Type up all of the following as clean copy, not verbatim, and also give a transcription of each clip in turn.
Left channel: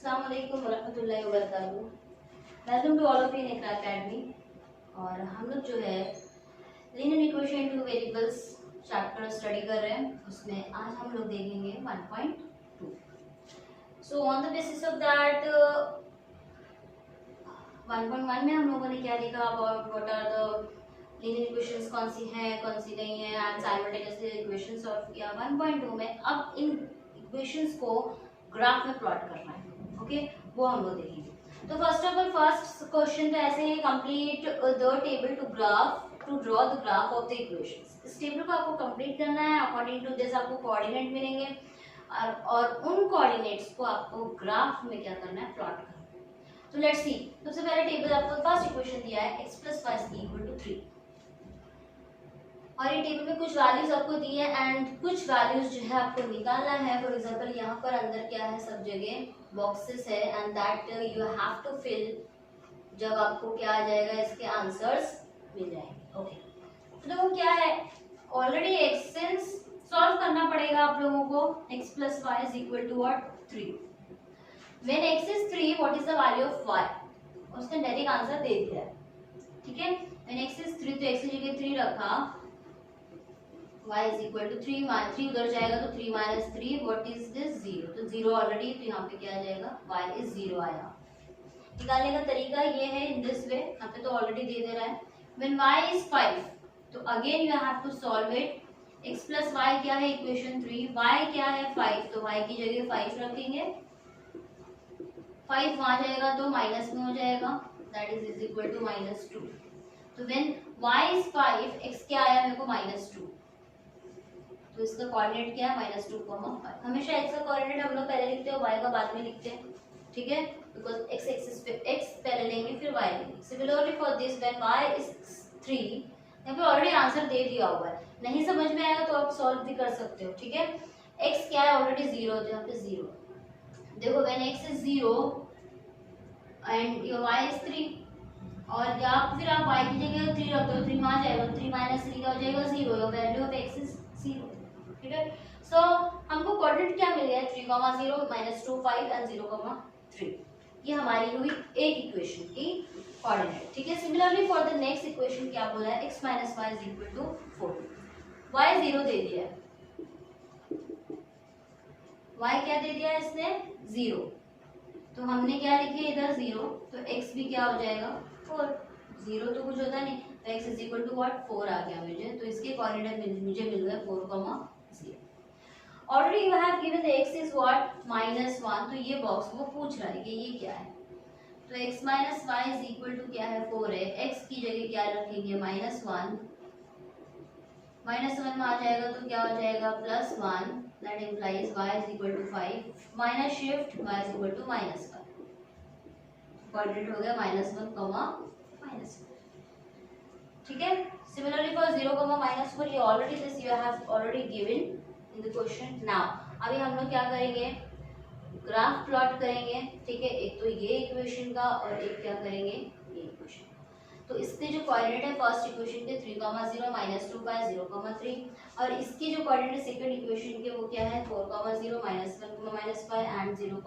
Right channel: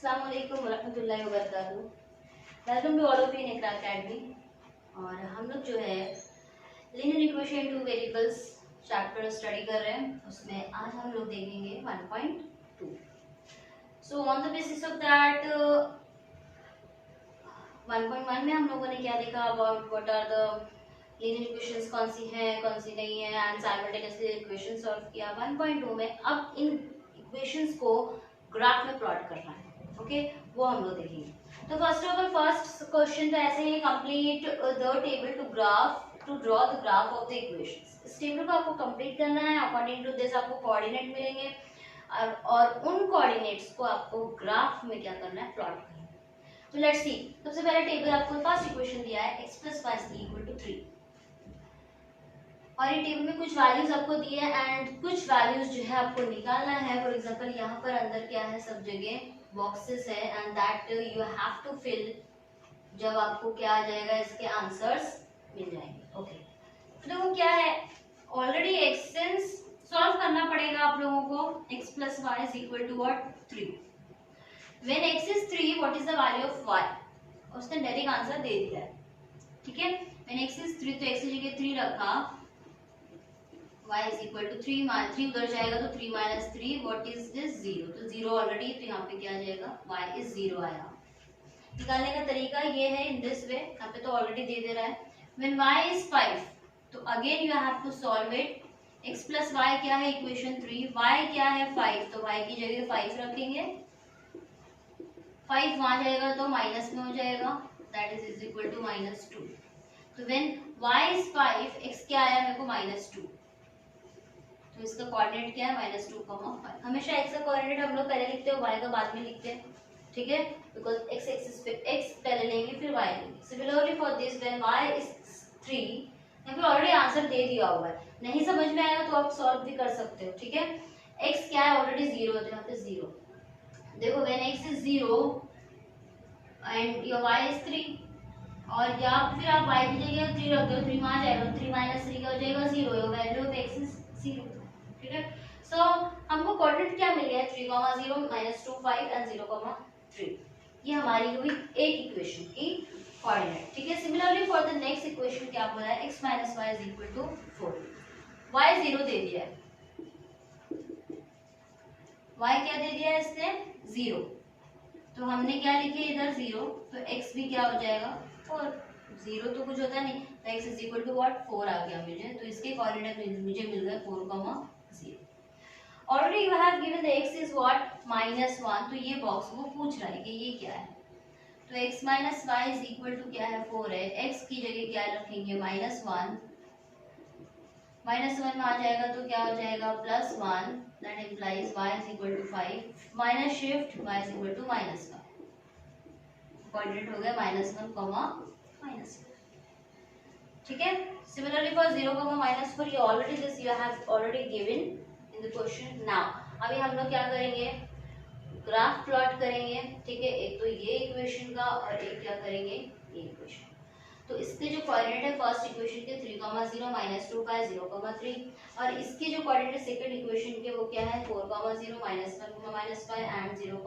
अस्सलाम वालेकुम वरहमतुल्लाहि वबरकातुहू। Welcome to all of you in Iqra academy. और हम लोग जो है linear equation two variables chapter study कर रहे हैं। उसमें आज हम लोग देखेंगे 1.2। So on the basis of that 1.1 में हम लोगों ने क्या देखा about what are the linear equations, कौन सी हैं कौन सी नहीं है, एंड साइमल्टेनियसली इक्वेशन सॉल्व किया। 1.2 में अब इन इक्वेशंस को ग्राफ में प्लॉट करना है। ओके, वो हम लोग देखेंगे। तो first of all first question तो ऐसे ही, complete the table to draw the graph of the equations. इस टेबल को आपको कंप्लीट करना है। अकॉर्डिंग टू दिस आपको कोऑर्डिनेट मिलेंगे और उन कोऑर्डिनेट्स को आपको ग्राफ में क्या करना है, प्लॉट करना है। तो लेट्स सी। सबसे पहले टेबल आपको फर्स्ट इक्वेशन दिया है x + y = 3 और ये टेबल में कुछ वैल्यूज आपको दी है एंड कुछ वैल्यूज जो है आपको निकालना है। फॉर एग्जांपल यहाँ पर अंदर क्या है, सब जगह बॉक्सेस है and that you have to fill. जब आपको क्या आ जाएगा, इसके आंसर्स मिल जाएंगे। ओके, तो देखो क्या है, ऑलरेडी एक्सटेंस सॉल्व करना पड़ेगा आप लोगों को। x + y = 3। When x is 3 what is the value of y? उसने डायरेक्ट आंसर दे दिया है। ठीक है, व्हेन x is 3 तो x की जगह 3 रखा, y = 3 3 उधर जाएगा तो 3 - 3 व्हाट इज दिस 0। तो 0 ऑलरेडी, तो यहाँ पे क्या आ जाएगा, y is 0 आया। निकालने का तरीका ये है, इन दिस वे। यहाँ पे तो ऑलरेडी दे रहा है। व्हेन y is 5 तो again you have to solve it. x + y क्या है, इक्वेशन 3, y क्या है 5, तो y की जगह 5 रखेंगे। 5 वहां जाएगा तो माइनस में हो जाएगा, दैट इज इक्वल टू -2। तो व्हेन y is 5, x क्या आया मेरे को -2, तो इसका कोऑर्डिनेट क्या है, -2, 5। हमेशा x का कोऑर्डिनेट हम लोग पहले लिखते हैं और y का बाद में लिखते हैं। ठीक है, बिकॉज x एक्सिस पे x पहले लेंगे फिर y लेंगे। Similarly for this when y is 3, यहाँ पे ऑलरेडी आंसर दे दिया हुआ है। नहीं समझ में आया तो आप सॉल्व भी कर सकते हो। ठीक है, x क्या है, ऑलरेडी 0, तो यहाँ पे 0। देखो when x is 0 and your y is 3 और या फिर आप y की जगह 3 रखते हो, 3 वहां जाएगा, 3 - 3 क्या हो जाएगा, 0। Your value of x is 0। ठीक है, सो हमको कोऑर्डिनेट क्या मिल गया, 3, 0, -2, 5 एंड 0, 3। ये हमारी हुई एक इक्वेशन की कोऑर्डिनेट। ठीक है, similarly for the next equation क्या बोला है, x - y = 4। y 0 दे दिया है, y क्या दे दिया है इसने, 0। तो हमने क्या लिखे इधर 0, तो x भी क्या हो जाएगा, 4। 0 तो कुछ होता नहीं, तो x = what, 4 आ गया मुझे। तो इसके कोऑर्डिनेट मुझे मिल गए 4, 0। Already you have given the x is what, -1। तो ये बॉक्स वो पूछ रहा है कि ये क्या है। तो x - y = क्या है, 4 है। x की जगह क्या रखेंगे, -1। -1 में आ जाएगा तो क्या हो जाएगा, +1, that implies y = 5 minus shift y = -5। Coordinate हो गया -1, -1। ठीक है, सिमिलरली फॉर 0, -4 ये already this you have already given in the question. Now अभी हम लोग क्या करेंगे, ग्राफ प्लॉट करेंगे। ठीक है, एक तो ये इक्वेशन का और एक क्या करेंगे, ये इक्वेशन। तो इसके जो कोऑर्डिनेट है फर्स्ट इक्वेशन के 3, 0, -2, 5, 0, 3 और इसके जो कोऑर्डिनेट है सेकंड इक्वेशन के वो क्या है, 4, 0, -1, -5 एंड 0,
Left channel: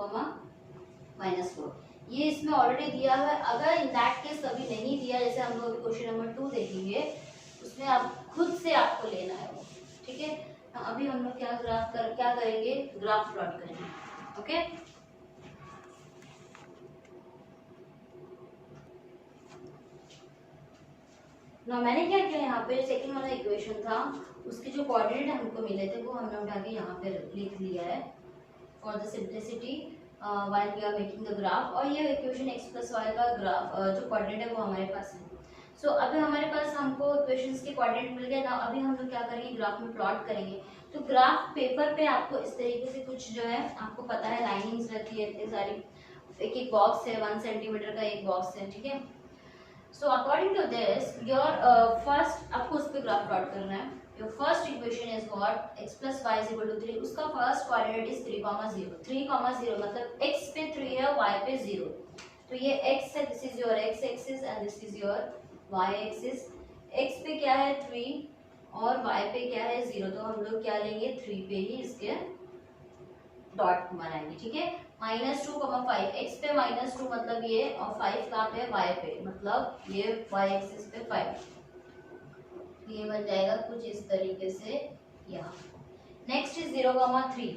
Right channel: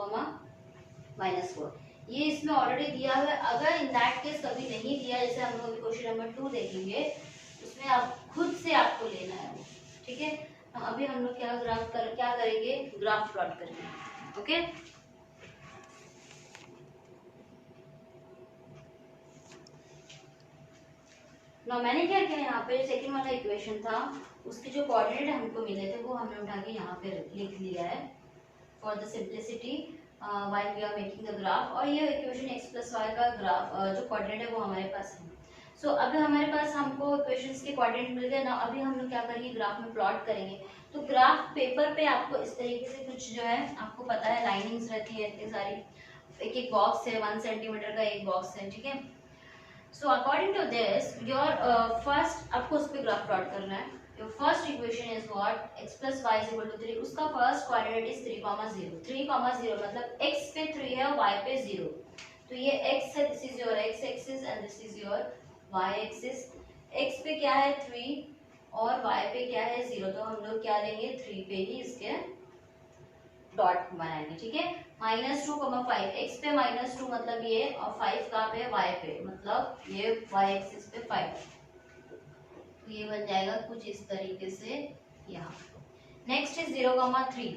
-4। ये इसमें ऑलरेडी दिया हुआ है। अगर इन दैट केस कभी नहीं दिया, जैसे हम लोग क्वेश्चन नंबर 2 देखेंगे, उसमें आप खुद से आपको लेना है वो। ठीक है, अभी हम लोग क्या करेंगे, ग्राफ प्लॉट करेंगे। ओके, ना मैंने क्या किया, यहाँ पे जो सेकंड वाला इक्वेशन था उसके जो कोऑर्डिनेट हमको मिले थे वो हमने उठा के यहाँ पे लिख लिया है for the simplicity while we are making the graph. और ये इक्वेशन x + y का ग्राफ जो कोऑर्डिनेट है वो हमारे पास है। सो अभी हमारे पास हमको इक्वेशंस के कोऑर्डिनेट मिल गए ना। अभी हम लोग क्या करेंगे, ग्राफ में प्लॉट करेंगे। तो ग्राफ पेपर पे आपको इस तरीके से कुछ जो है, आपको पता है लाइनिंग्स रहती है इतनी सारी, एक एक बॉक्स है, 1 सेंटीमीटर का एक बॉक्स है। ठीक है, so according to this your first आपको उस पर ग्राफ प्लॉट करना है। Your first equation is what, x + y = 3। उसका फर्स्ट कोऑर्डिनेट इज 3, 0। 3, 0 मतलब x पे 3 है, y पे 0। तो ये x है, this is your x axis and this is your y axis. x पे क्या है 3 और y पे क्या है 0, तो हम लोग क्या लेंगे, 3 पे ही इसके डॉट बनाएंगे, ठीक है। -2, 5 x पे -2 मतलब ये, और 5 कहाँ पे, y पे, मतलब ये y एक्सिस पे 5, ये बन जाएगा कुछ इस तरीके से यहाँ। नेक्स्ट इज 0,3,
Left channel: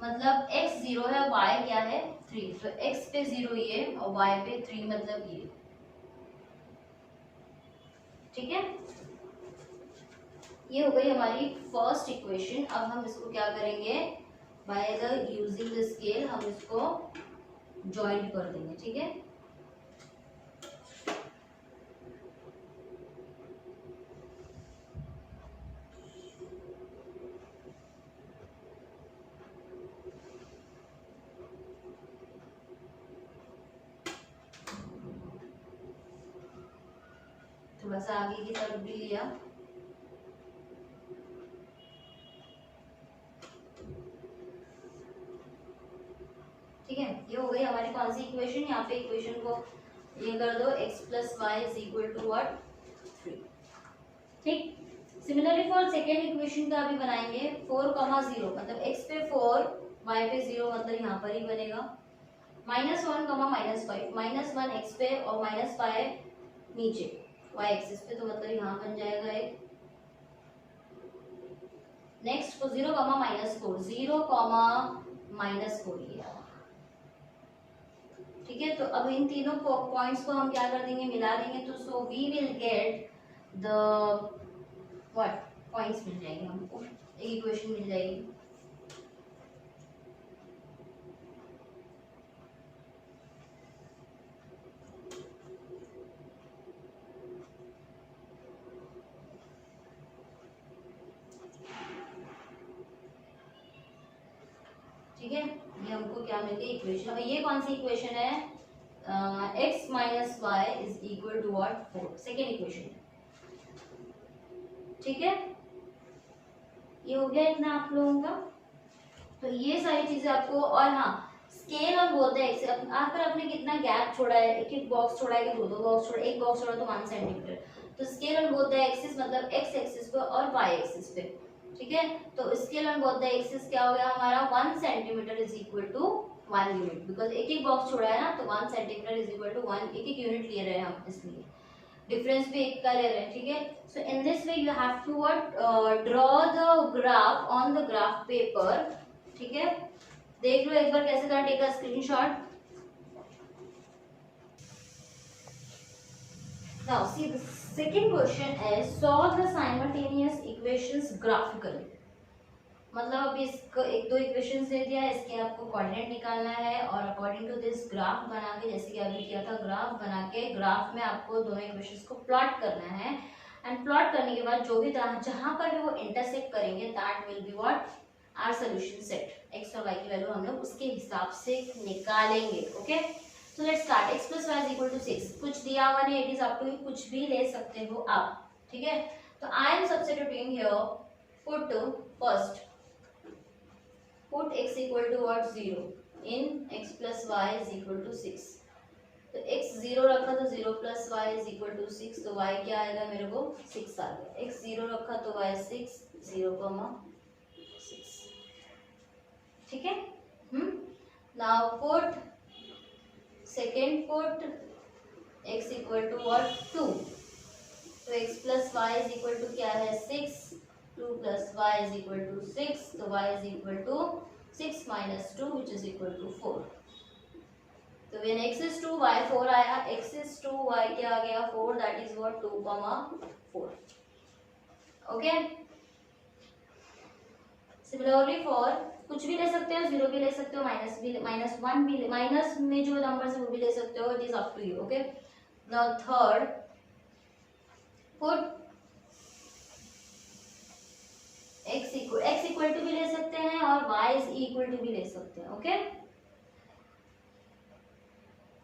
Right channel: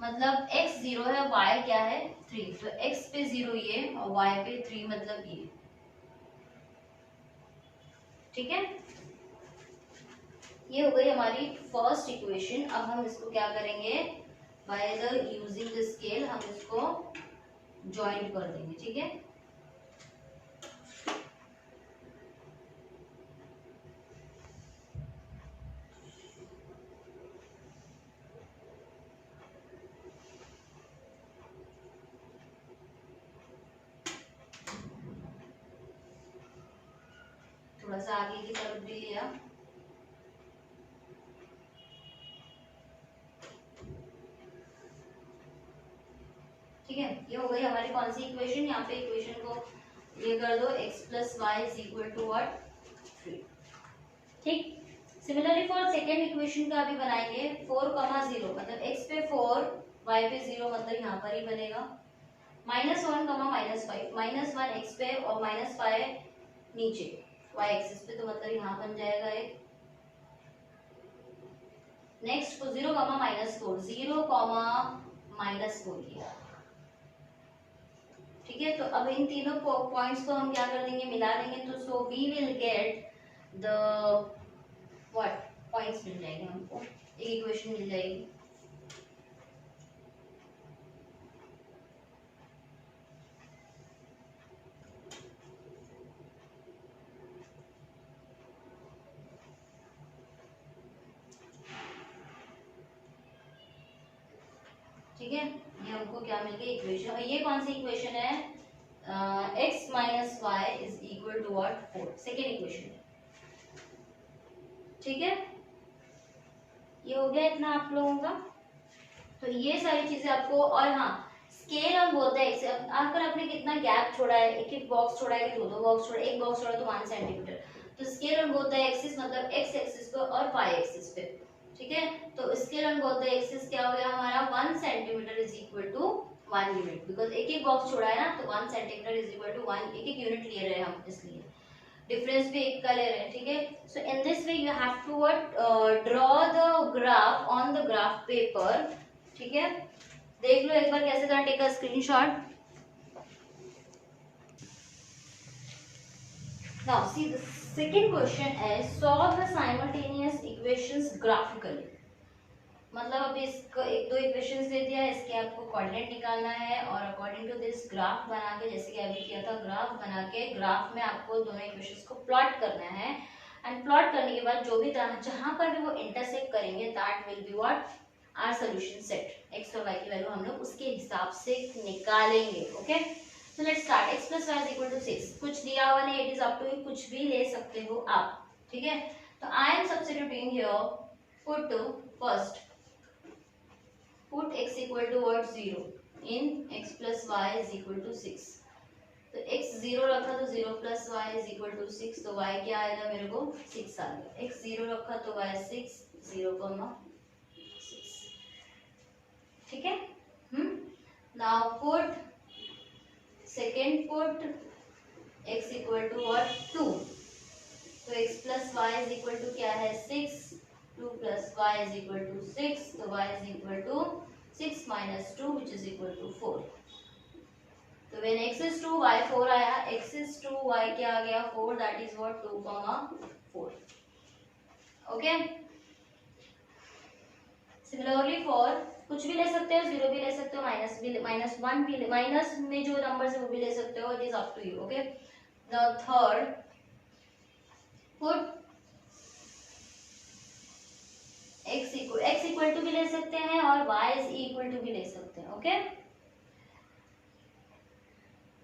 मतलब x 0 है, y क्या है 3, तो x पे 0 ये और y पे 3 मतलब ये, ठीक है। ये हो गई हमारी फर्स्ट इक्वेशन। अब हम इसको क्या करेंगे, by the using the scale हम इसको ज्वाइंट कर देंगे, ठीक है। थोड़ा सा आगे की तरफ भी लिया, ठीक है। ये हो गई हमारी कौन सी इक्वेशन, यहाँ पे इक्वेशन को ये कर दो, x plus y is equal to what 3, ठीक। सिमिलरली फॉर सेकेंड इक्वेशन का भी बनाएंगे, 4,0 मतलब x पे 4 y पे 0 मतलब यहाँ पर ही बनेगा, -1, -5, -1 x पे और -5 नीचे y एक्सिस पे, तो मतलब यहाँ बन जाएगा एक। नेक्स्ट को 0, -4, 0, -4 ये, ठीक है। तो अब इन तीनों पॉइंट्स को हम क्या कर देंगे, मिला देंगे, तो so we will get the what points मिल जाएंगे हमको, एक इक्वेशन मिल जाएगी। ठीक है, ये हमको क्या मिल गई इक्वेशन। और ये कौन सी इक्वेशन है, x minus y is equal to what 4, second equation, ठीक है। ये हो गया इतना आप लोगों का। तो ये सारी चीजें आपको, और हाँ स्केल हम बोलते हैं, आकर आपने कितना गैप छोड़ा है, एक एक बॉक्स छोड़ा है कि दो दो बॉक्स छोड़ा, एक बॉक्स छोड़ा तो 1 सेंटीमीटर, तो स्केल हम बोलते हैं एक्सिस, मतलब x एक्सिस पे और y एक्सिस पे, ठीक है। तो स्केल हम बोलते हैं एक्सिस क्या हो गया हमारा, 1 centimetre is equal to 1 unit, because एक एक बॉक्स छोड़ा है ना, तो 1 सेंटीमीटर इज इक्वल टू 1, एक एक यूनिट ले रहे हैं हम, इसलिए डिफरेंस भी एक का ले रहे हैं, ठीक है। So in this way you have to draw the graph on the graph paper, ठीक है। देख लो एक बार कैसे करना, take a screenshot. Now see the second question is solve the simultaneous equations graphically, मतलब अभी इसको एक दो इक्वेशंस दे दिया, इसके आपको कोऑर्डिनेट निकालना है, और अकॉर्डिंग टू दिस ग्राफ बना के, जैसे कि अभी किया था, ग्राफ बना के ग्राफ में आपको दोनों इक्वेशंस को प्लॉट करना है, एंड प्लॉट करने के बाद जो भी जहां पर भी वो इंटरसेक्ट करेंगे that will be what our solution set, x और y की वैल्यू हम लोग उसके हिसाब से निकालेंगे, okay. So let's start, x plus y is equal to 6, कुछ दिया हुआ नहीं, it is up to you, कुछ भी ले सकते हो आप, ठीक है। तो I am substituting here, put first put x equal to what 0 in x plus y is equal to 6, तो x 0 रखा तो 0 plus y is equal to 6, तो y क्या आएगा मेरे को 6 आ गया, x 0 रखा तो y 6, 0,6, ठीक है। now put second, put x equal to what 2, तो x plus y is equal to क्या है 6, 2 plus y is equal to 6, तो y is equal to 6 minus 2 which is equal to 4, तो when x is 2 y 4 आया, x is 2 y क्या आ गया 4, that is what 2,4, okay। similarly for कुछ भी ले सकते हो, 0 भी ले सकते हो, माइनस भी, -1 भी, माइनस में जो नंबर है वो भी ले सकते हो, it is up to you, okay. Now third, put x equal to भी ले सकते हैं और y इज इक्वल टू भी ले सकते हैं, okay.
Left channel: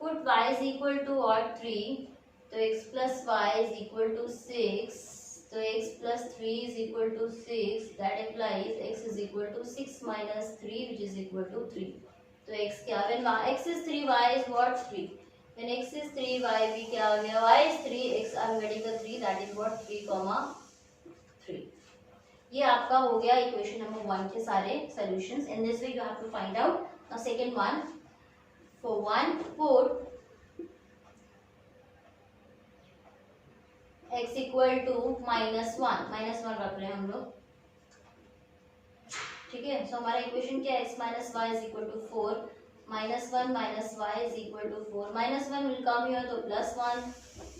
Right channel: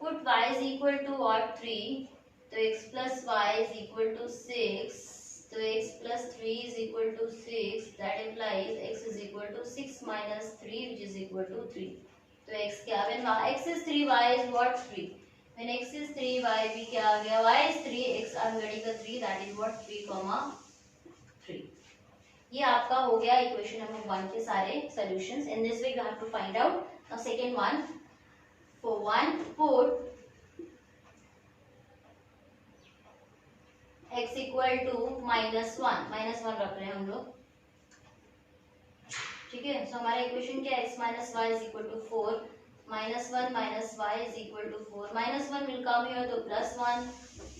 Put y is equal to और 3, तो x plus y is equal to 6, तो x plus 3 is equal to 6, that implies x is equal to 6 minus 3 which is equal to 3, तो x क्या, when x is 3 y is what 3, when x is 3 y भी क्या आ गया, y is 3 x I am getting the 3, that is what 3,3, ये आपका हो गया इक्वेशन नंबर 1 के सारे solutions. In this way you have to find out. Now second one, for 1 put x equal to -1 रख रहे हैं हम लोग. ठीक है, सो हमारा इक्वेशन क्या है, x minus y is equal to 4, -1 minus y is equal to 4, -1 will come here तो +1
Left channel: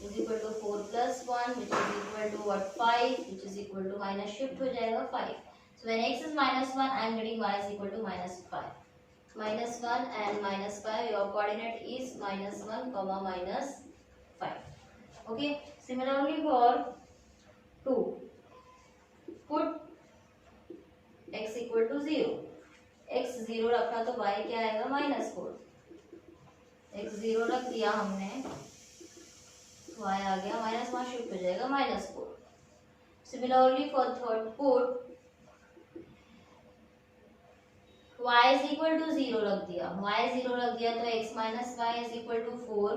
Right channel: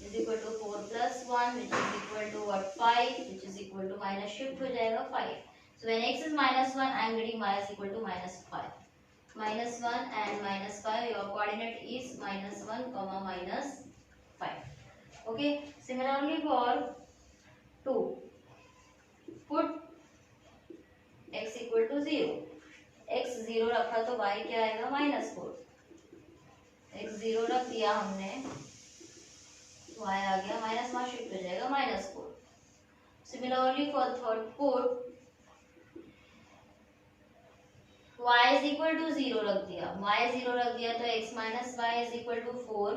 is equal to 4 + 1 which is equal to what 5 which is equal to minus shift हो जाएगा 5. So when x is -1 I am getting y is equal to -5. -1 and -5, your coordinate is -1 comma -5. Okay, similarly for 2, put x equal to 0. x 0 रखा तो y क्या आएगा, -4. x 0 रख दिया हमने, y आ गया माइनस, वहां शिफ्ट हो जाएगा -4. Similarly for third put y is equal to 0 रख दिया, y 0 रख दिया तो x minus y is equal to 4,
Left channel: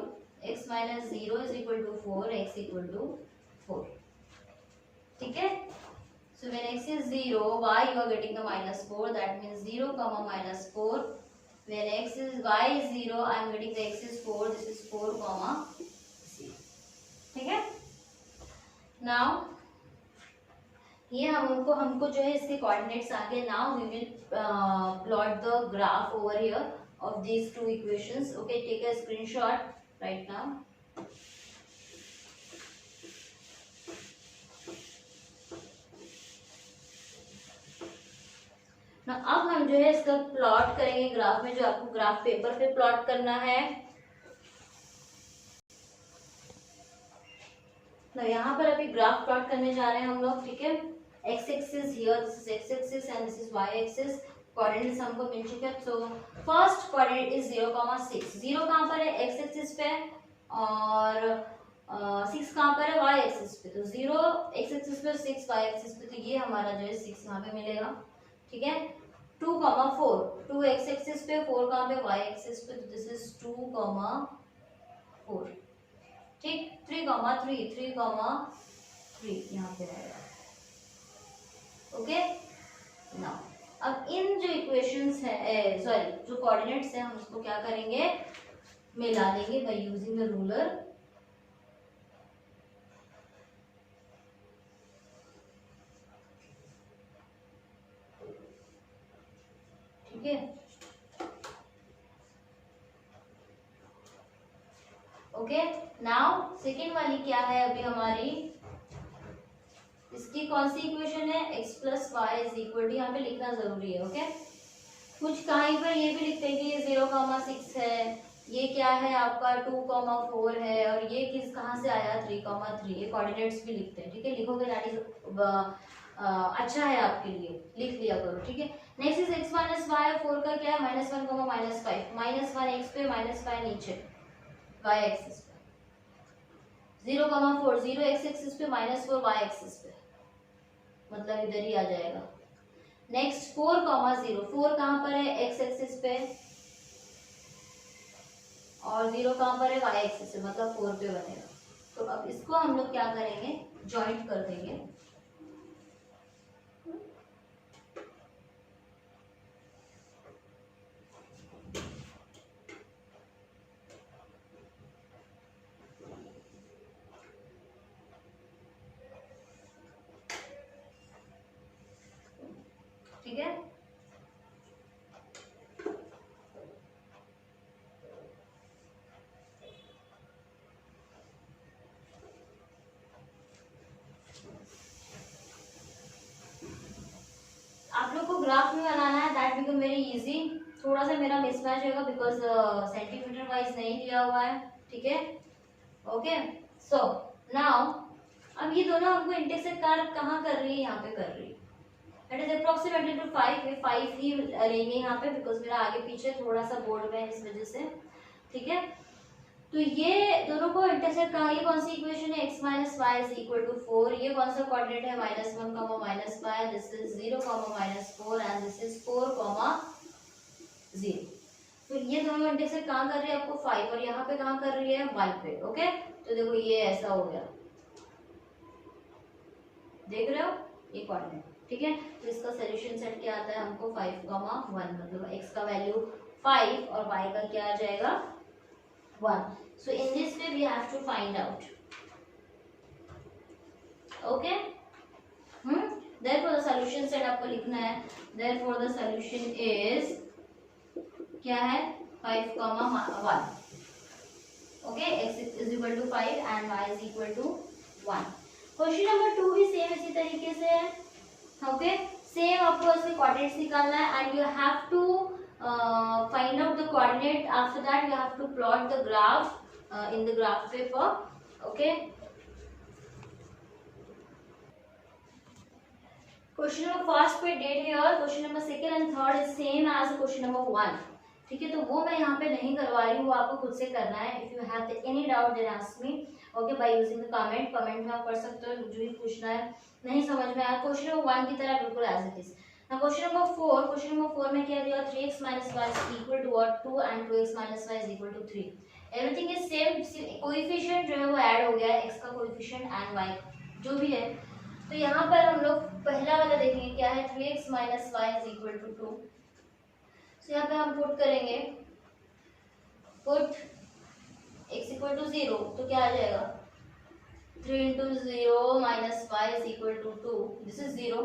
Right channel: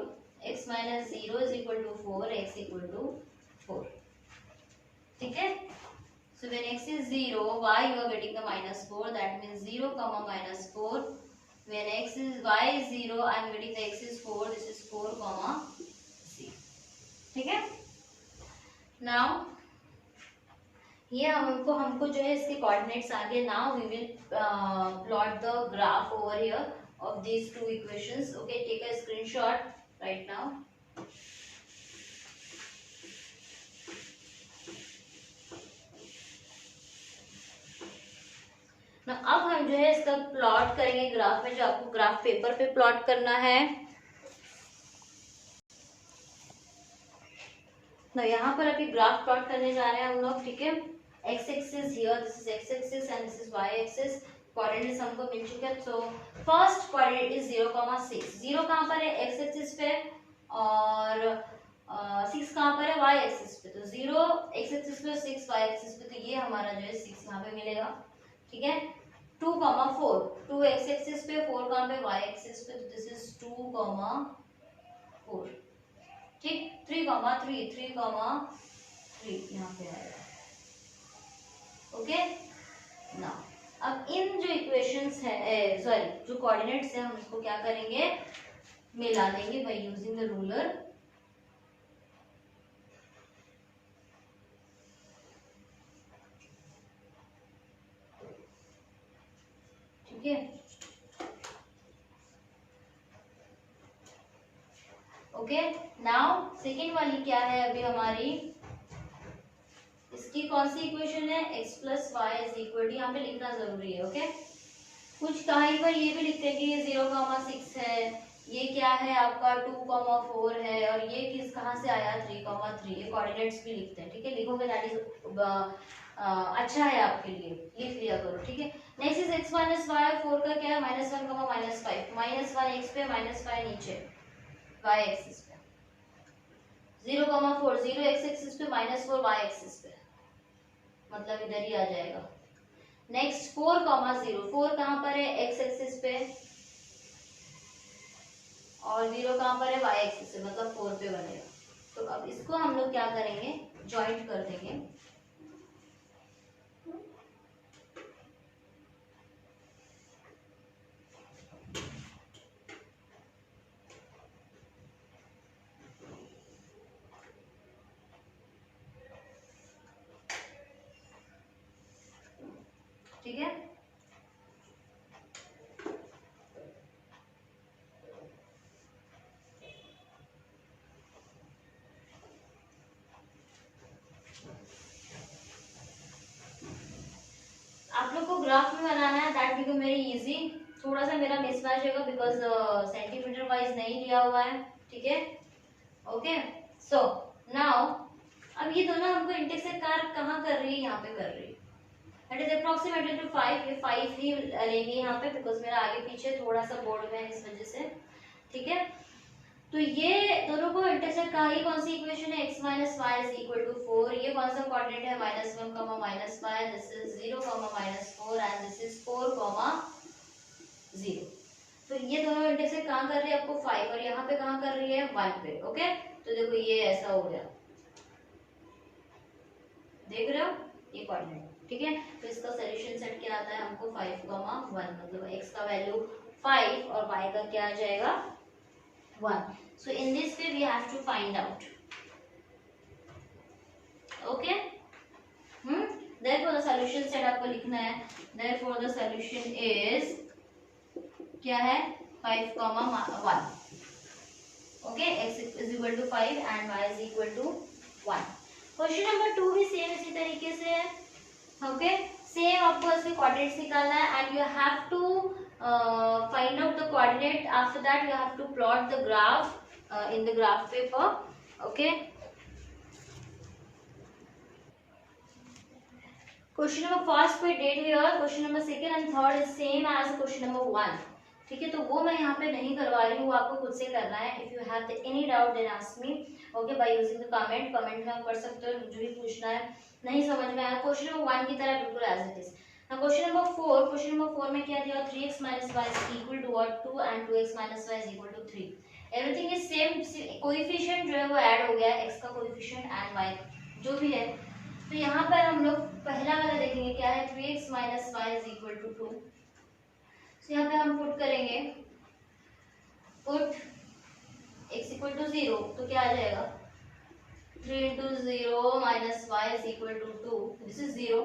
x minus 0 is equal to 4, x equal to 4. ठीक है, so when x is 0, y you are getting the -4, that means 0 comma -4. When y is 0, I am getting the x is 4, this is 4 comma 0. ठीक है, now ये हमको जो है इसके coordinates आ गए. Now we will plot the graph over here of these two equations. Okay, take a screenshot right now. अब हम जो है इसका प्लॉट करेंगे ग्राफ में, जो आपको ग्राफ पेपर पे प्लॉट करना है. तो यहाँ पर अभी ग्राफ प्लॉट करने जा रहे हैं हम लोग. ठीक है, x axis here, this is x axis and this is y axis. Coordinates हमको मिल चुके हैं. So first coordinate is 0,6. 0 कहाँ पर है, x एक्सिस पे, और 6 कहाँ पर है, y एक्सिस पे. तो 0 x एक्सिस पे, 6 y एक्सिस पे, तो ये हमारा जो है 6 यहाँ पे मिलेगा. ठीक है, 2,4, 2 x एक्सिस पे, 4 कहाँ पे, y एक्सिस पे, तो दिस इज 2,4. ठीक, 3,3, 3,3 यहाँ पे आएगा. ओके, नाउ अब इन जो इक्वेशंस है, सॉरी जो कोऑर्डिनेट्स है, हम इसको क्या करेंगे, मिला देंगे बाय यूजिंग द रूलर. ठीक है, ओके. नाउ सेकेंड वाली क्या है अभी हमारी, इसकी कौन सी इक्वेशन है, x plus y is equal to, यहाँ पे लिखना जरूरी है. ओके, कुछ कहीं पर ये भी लिखते हैं कि ये 0,6 है, ये क्या है आपका 2,4 है, और ये किस कहाँ से आया 3,3. ये कोऑर्डिनेट्स भी लिखते हैं. ठीक है, लिखोगे दैट इज अच्छा है आपके लिए, लिख लिया करो. ठीक है, next is x minus y. 4 का क्या है, -1 -5, -1 x पे, -5 नीचे y एक्सिस पे. 0,4, 0 x एक्सिस पे, -4 y एक्सिस पे, मतलब इधर ही आ जाएगा. नेक्स्ट 4,0, 4 कहाँ पर है, x एक्सिस पे, और 0 कहाँ पर है, y एक्सिस पे, मतलब 4 पे बनेगा. तो अब इसको हम लोग क्या करेंगे, जॉइंट कर देंगे. ठीक है, आप लोग को ग्राफ में बनाना है, दैट बिकम वेरी इजी. थोड़ा सा मेरा मिसमैच होगा बिकॉज सेंटीमीटर वाइज नहीं लिया हुआ है. ठीक है, ओके. सो नाउ अब ये दोनों हमको इंटरसेक्ट कहाँ कर रही है, यहाँ पे कर रही है. It is approximately two 5. ये 5 ही लेंगे यहाँ पे बिकॉज मेरा आगे पीछे थोड़ा सा बोर्ड में है, इस वजह से. ठीक है, तो ये दोनों को इंटरसेक्ट कहा, ये कौन सी इक्वेशन है, x minus y is equal to 4. ये कौन सा कोऑर्डिनेट है, -1 -5, this is 0 -4 and this is 4 0. तो ये दोनों इंटरसेक्ट कहाँ कर रही है, आपको 5, और यहाँ पे कहाँ कर रही है, 1 पे. ओके, तो देखो ये ऐसा हो गया, देख रहे हो ये कोऑर्डिनेट. ठीक है। तो इसका सोल्यूशन सेट क्या आता है हमको 5,1, मतलब x का वैल्यू 5 और y का क्या आ जाएगा 1. So in this way we have to find out. Okay. Therefore the solution set आपको लिखना है. Therefore the solution is क्या है 5,1. Okay, x is equal to 5 and y is equal to 1. Question number 2 भी same इसी तरीके से है. ओके, सेम आपको इसके कोऑर्डिनेट्स निकालना है and you have to find out the coordinate. After that you have to plot the graph in the graph paper. Okay, question number first पे date here, question number second and third is same as question number 1. ठीक है, तो वो मैं यहाँ पे नहीं करवा रही हूँ, वो आपको खुद से करना है. If you have any doubt then ask me. Okay, by using the comment में आप कर सकते हो. जो भी पूछना है नहीं समझ में आया, क्वेश्चन नंबर 1 की तरह बिल्कुल as it is. Now question number 4 में क्या दिया 3x minus y is equal to what 2 and 2x minus y is equal to 3. Everything is same. Coefficient जो है वो ऐड हो गया है, x का कोएफिशिएंट एंड y जो भी है. तो यहाँ पर हम लोग पहला वाला देखेंगे क्या है 3x minus y is equal to 2. तो यहाँ पे हम पुट करेंगे, पुट x equal to 0, तो क्या आ जाएगा 3 into 0 minus y is equal to 2. This is 0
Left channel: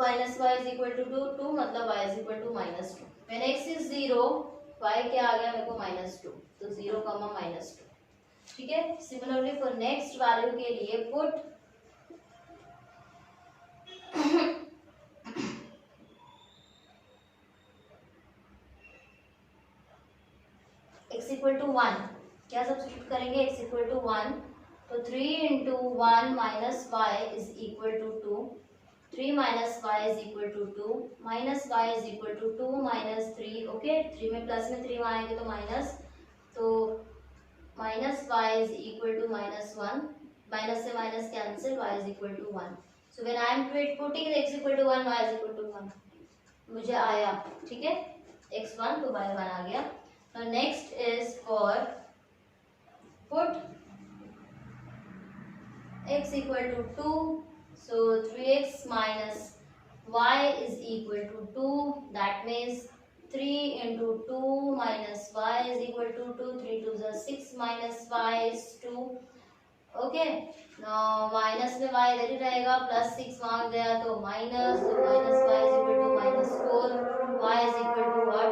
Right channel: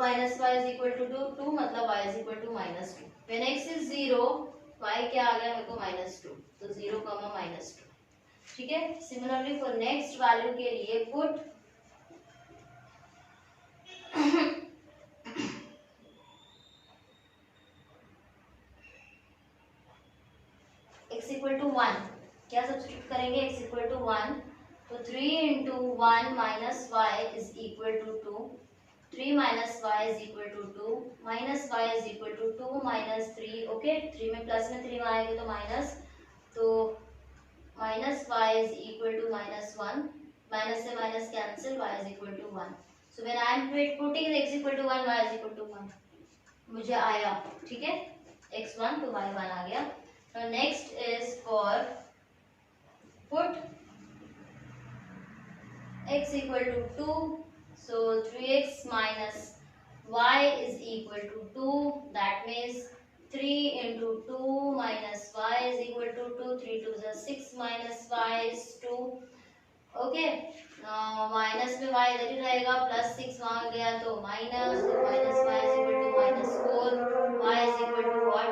minus y is equal to 2 मतलब y is equal to minus 2. When x is 0, y क्या आ गया मेरे को minus 2, तो 0, minus 2. ठीक है. सिमिलरली फॉर नेक्स्ट वैल्यू के लिए पुट x equal to 1, क्या सब्स्टिट्यूट करेंगे x equal to 1, तो 3 into 1 minus y is equal to 2. 3 minus y is equal to 2, minus y is equal to 2 minus 3. Okay, 3 में plus में 3 आएंगे तो minus, तो minus y is equal to minus 1. Minus से minus cancel, y is equal to 1. So when I am putting x equal to 1, y is equal to 1, मुझे आया. ठीक है, x 1 तो y 1 आ गया. Now next is for put x equal to 2. So 3x minus y is equal to 2. That means 3 into 2 minus y is equal to 2. 3 to the 6 minus y is 2. Okay. Now minus में y इधर ही रहेगा, plus 6 वहाँ गया तो minus, तो minus y is equal to minus 4. y is equal to what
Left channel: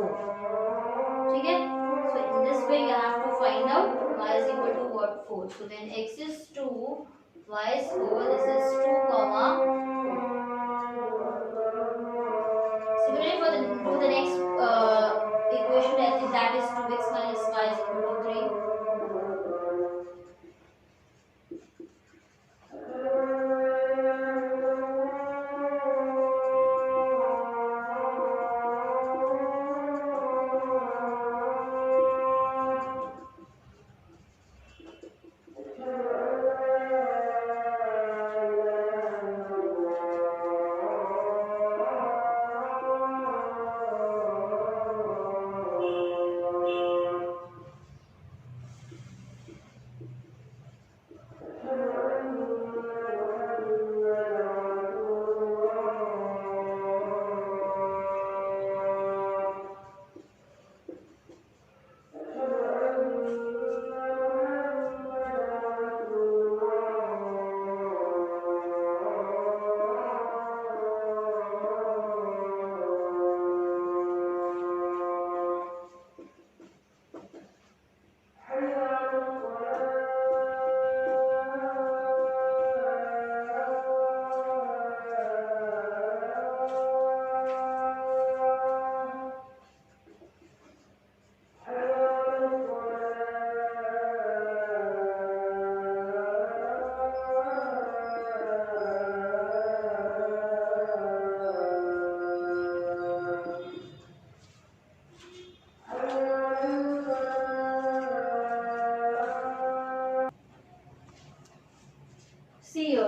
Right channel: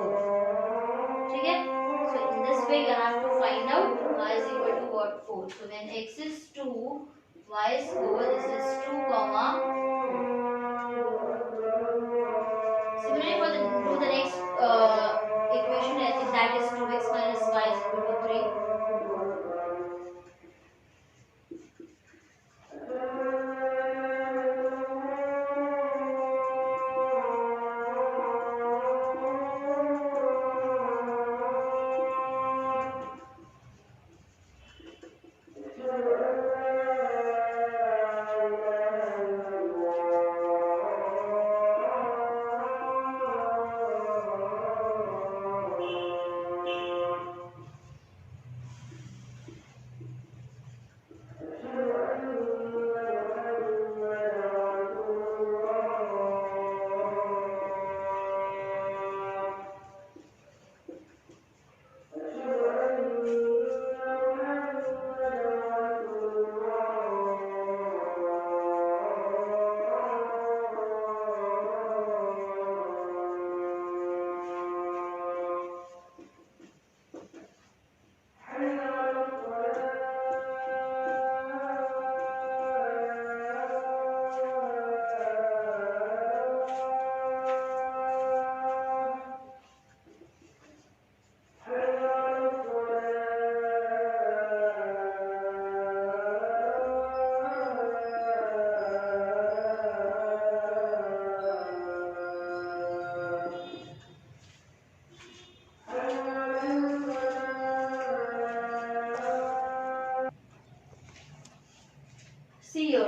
4. ठीक है. So in this way you have to find out y is equal to what 4. So when x is 2, y is 4. This is 2, 4. Similarly for the next equation, I think that is 2x minus y is equal to 3.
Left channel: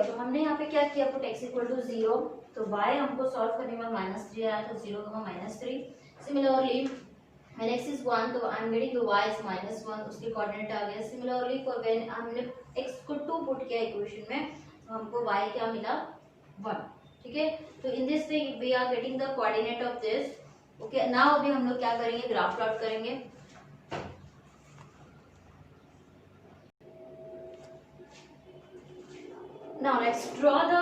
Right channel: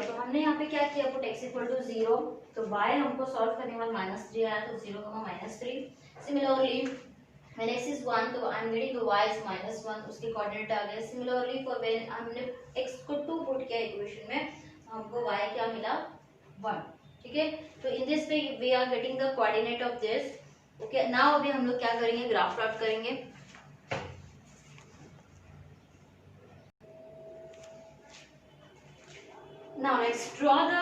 तो हमने यहाँ पे क्या किया, put x equal to 0, तो y हमको solve करने में -3 आया, तो 0, -3. सिमिलरली when x is 1, तो I am getting the y is -1, उसके कोऑर्डिनेट आ गया. सिमिलरली फॉर व्हेन हमने x को 2 पुट किया इक्वेशन में, हमको y क्या मिला 1, ठीक है। तो in this way we are getting the coordinate of this. Okay, now अभी हम लोग क्या करेंगे, ग्राफ प्लॉट करेंगे। Now let's draw the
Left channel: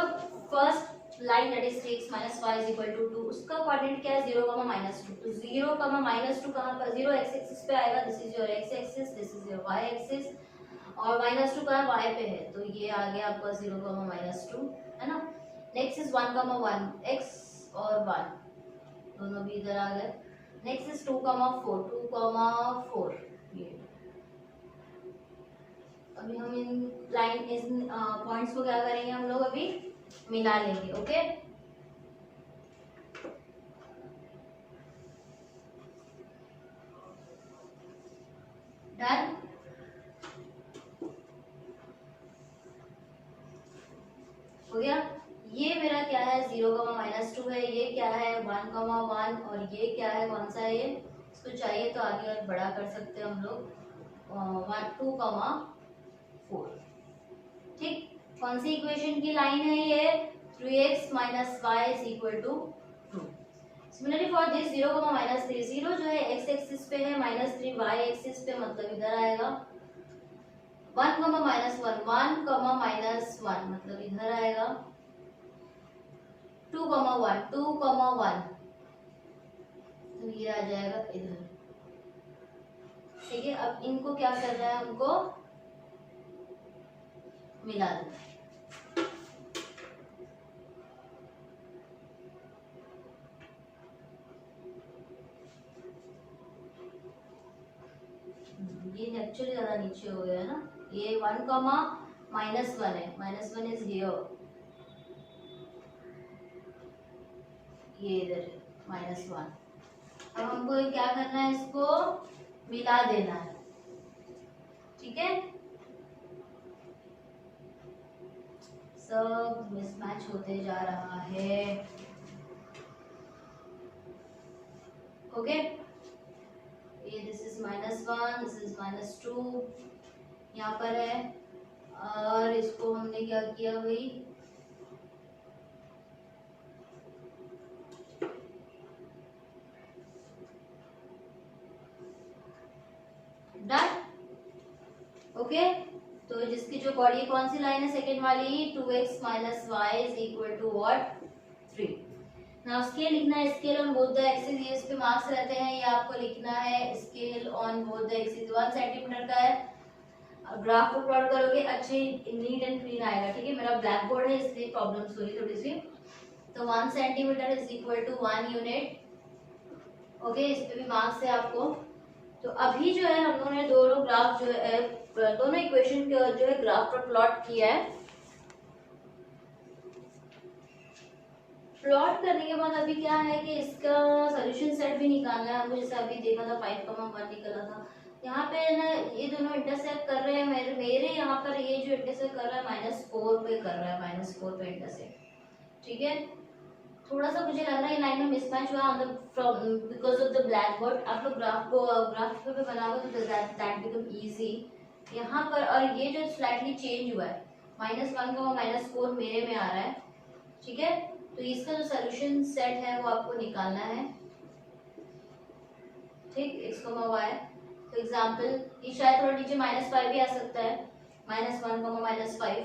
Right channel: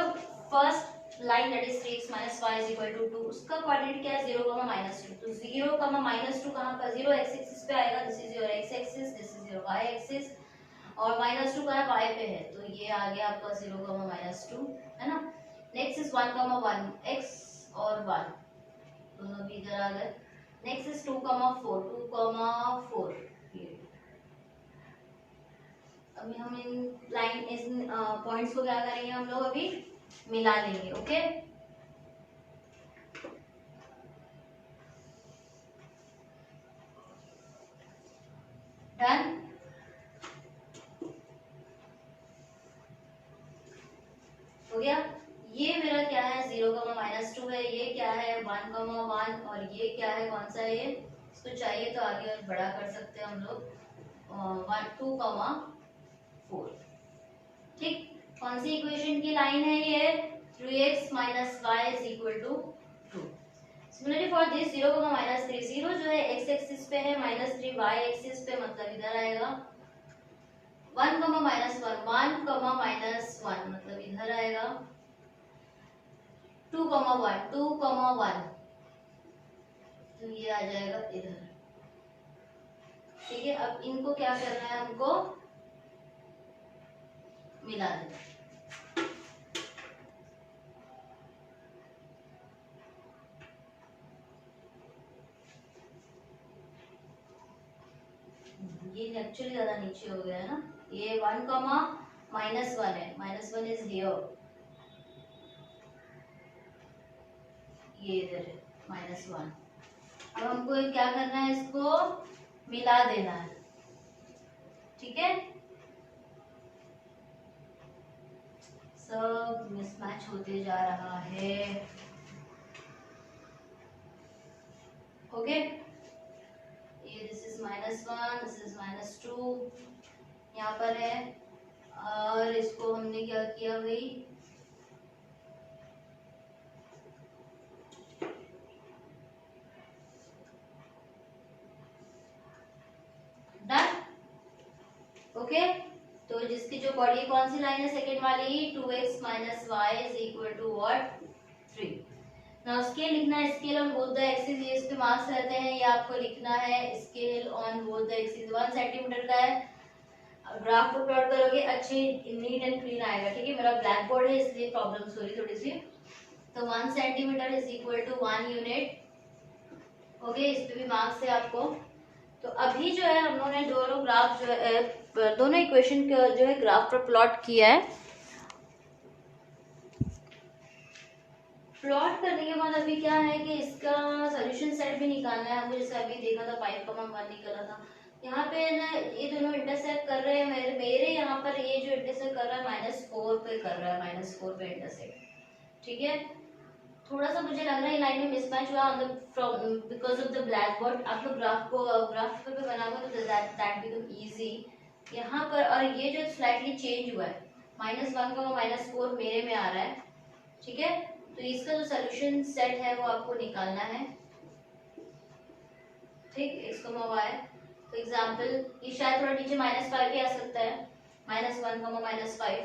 first line that is 3x minus y is equal to 2। उसका कोऑर्डिनेट क्या है 0, -2। तो 0, -2 कहाँ पर, 0 x एक्सिस पे आएगा, this is your x axis, this is your y axis, और -2 कहाँ है, y पे है, तो ये आ गया आपका 0, -2, है ना। नेक्स्ट इज 1, 1, x और 1 दोनों भी इधर आ गए। नेक्स्ट इज 2, 4, 2, 4, ये अभी हम इन लाइन इन पॉइंट्स को क्या करेंगे, हम लोग अभी मिला लेंगे। Okay, done. हो गया, ये मेरा क्या है 0, -2 है, ये क्या है 1, 1, और ये क्या है, कौन सा है ये, इसको चाहिए तो आगे और बड़ा कर सकते हैं हम लोग, 2, 4, ठीक। कौन सी इक्वेशन की लाइन है ये, 3x minus y is equal to 2। Similarly for this 0, -3, 0 जो है x एक्सिस पे है, -3 y एक्सिस पे, मतलब इधर आएगा। 1, -1, 1, मतलब इधर आएगा। 2, 1, 2, 1, तो ये आ जाएगा इधर, ठीक है। अब इनको क्या करना है, हमको मिला देना है। ये एक्चुअली ज्यादा नीचे हो गया है ना, ये 1, -1 है, -1 इज हियर, ये इधर है -1। अब हमको क्या करना है, इसको मिला देना है, ठीक है। सब मिसमैच होते जा रहा है। ओके, ये दिस इज -1, दिस इज -2 यहाँ पर है, और इसको हमने क्या किया भाई, डन। ओके, तो जिसकी जो बॉडी कौन सी लाइन है, सेकेंड वाली, 2x minus y is equal to what, 3। Now scale लिखना है, scale on both the axis, ये इस पे मार्क्स रहते हैं, ये आपको लिखना है, scale on both the axis 1 centimetre का है। ग्राफ को प्लॉट करोगे अच्छे नीट एंड क्लीन आएगा, ठीक है। मेरा ब्लैक बोर्ड है इसलिए प्रॉब्लम्स हो रही थोड़ी सी। तो 1 centimetre is equal to 1 unit. Okay, इस पे भी मार्क्स है आपको। तो अभी जो है हम लोगों ने दोनों ग्राफ जो है, दोनों इक्वेशन जो है ग्राफ पर प्लॉट किया है। प्लॉट करने के बाद अभी क्या है कि इसका सॉल्यूशन सेट भी निकालना है हमको, जैसे अभी देखा था 5, 1 निकला था। यहाँ पे ना ये दोनों इंटरसेक्ट कर रहे हैं, मेरे यहाँ पर ये जो इंटरसेक्ट कर रहा है -4 पे कर रहा है, -4 पे इंटरसेक्ट, ठीक है। थोड़ा सा मुझे लग रहा है ये लाइन में मिसमैच हुआ on the from because of the black board. आप लोग ग्राफ पेपर पे बनाओगे तो दैट बिकम इजी यहाँ पर। और ये जो स्लाइटली चेंज हुआ है, -1, -4 मेरे में आ रहा है, ठीक है। तो इसका जो सोल्यूशन सेट है वो आपको निकालना है, ठीक, x, y। तो एग्जांपल ये शायद थोड़ा नीचे -5 भी आ सकता है, -1, -5।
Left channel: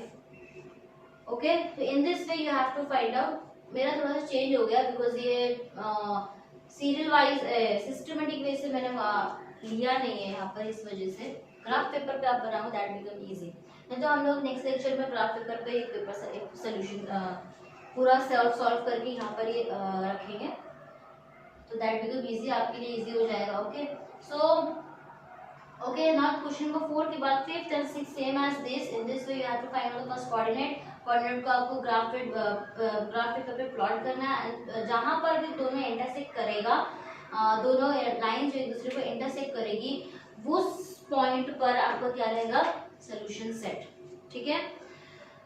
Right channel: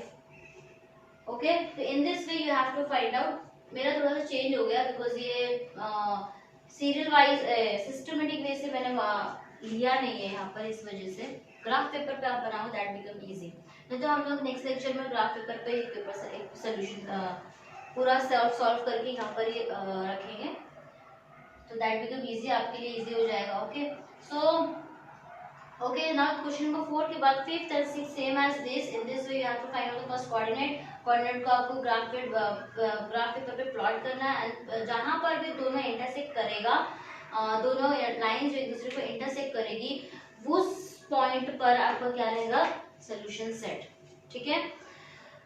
ओके, तो in this way you have to find out. मेरा थोड़ा सा चेंज हो गया बिकॉज ये सीरियल वाइज सिस्टमेटिक वे से मैंने लिया नहीं है यहाँ पर, इस वजह से। ग्राफ पेपर पे आप बनाओ दैट बिकम इजी। नहीं तो हम लोग नेक्स्ट लेक्चर में ग्राफ पेपर पे एक पेपर से एक सोल्यूशन पूरा सॉल्व करके यहाँ पर ये रखेंगे, तो दैट बिकम इजी, आपके लिए इजी हो जाएगा। Okay, so okay, now question number 4 के बाद 5th and 6th same as this. In this way you have to find out the first coordinate. Coordinate को आपको ग्राफ पेपर पे प्लॉट करना है, एंड जहां पर भी दोनों इंटरसेक्ट करेगा, दोनों लाइन जो एक दूसरे को इंटरसेक्ट करेगी, उस पॉइंट पर आपका क्या रहेगा, सोल्यूशन सेट, ठीक है।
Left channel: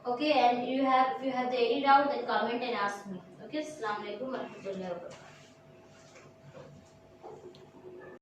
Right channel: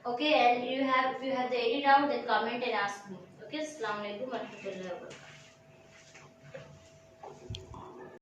Okay, and if you have the any doubt then comment and ask me. Okay, अस्सलाम वालेकुम व रहमतुल्लाहि व बरकातहू।